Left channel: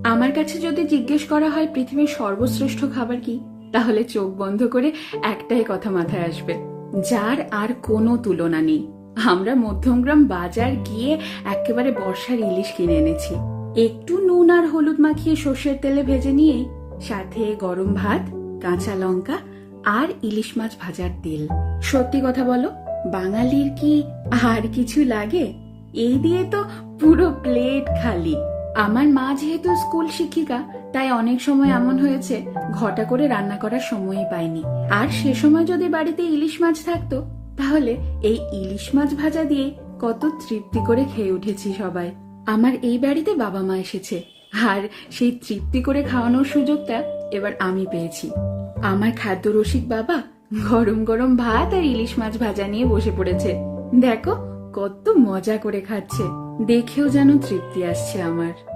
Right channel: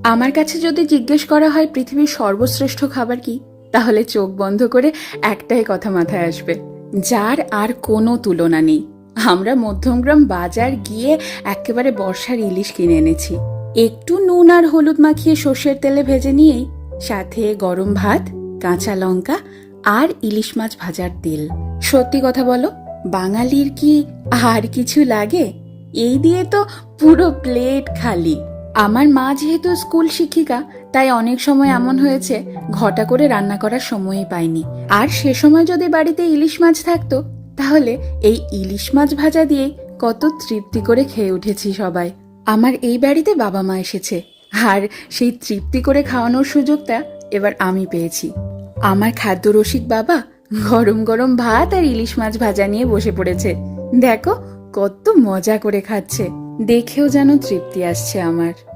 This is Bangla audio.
আমার কাছে যদি জিজ্ঞেস করা হয় পৃথিবীর সর্বশ্রেষ্ঠ খাবার কি, তাহলে চোখ বন্ধ করে একটাই কথা মাথায় আসবে, যার আর কোনো তুলনা নেই। আমরা মধ্যমগ্রাম বাজার গিয়ে একেবারে বর্ষার ইলিশ কিনে এনেছি। একটু নুন আর হলুদ মাখিয়ে সর্ষের তেলে ভেজে নিয়েই সাথে গরম ভাত, কাঁচা লঙ্কা আর ইলিশ মাছ ভাজার তেল। সত্যি কথা বলো, বাঙালির কি আর কিছু লাগে? এই দিয়ে তো পুরো প্লেট খালি। আমার মা যেহেতু স্কুল শিক্ষিকা, তাই অনেক সময় এমন হয়েছে ঘটা করে রান্না করার সময়ই পাইনি। আর সে সময় যদি বাড়িতে ইলিশ মাছ থাকতো, তাহলে এই ইলিশ মাছ ভাজা দিয়ে কত তৃপ্তি করে খেয়ে উঠেছি সবাই। আমার এই বাড়িতে বাবা মা এসেছে, আর সেই তৃপ্তি করে খাওয়ানোর সুযোগটা এবার আমি পেয়েছি। আমার খাদ্য রসিক বাবা গরম গরম ভাত আর ইলিশ মাছ ভাজা নিয়ে বসে পড়েছে। দেখো কত মজা করে খাচ্ছে, দেখেও যেন তৃপ্তি আসছে আমার।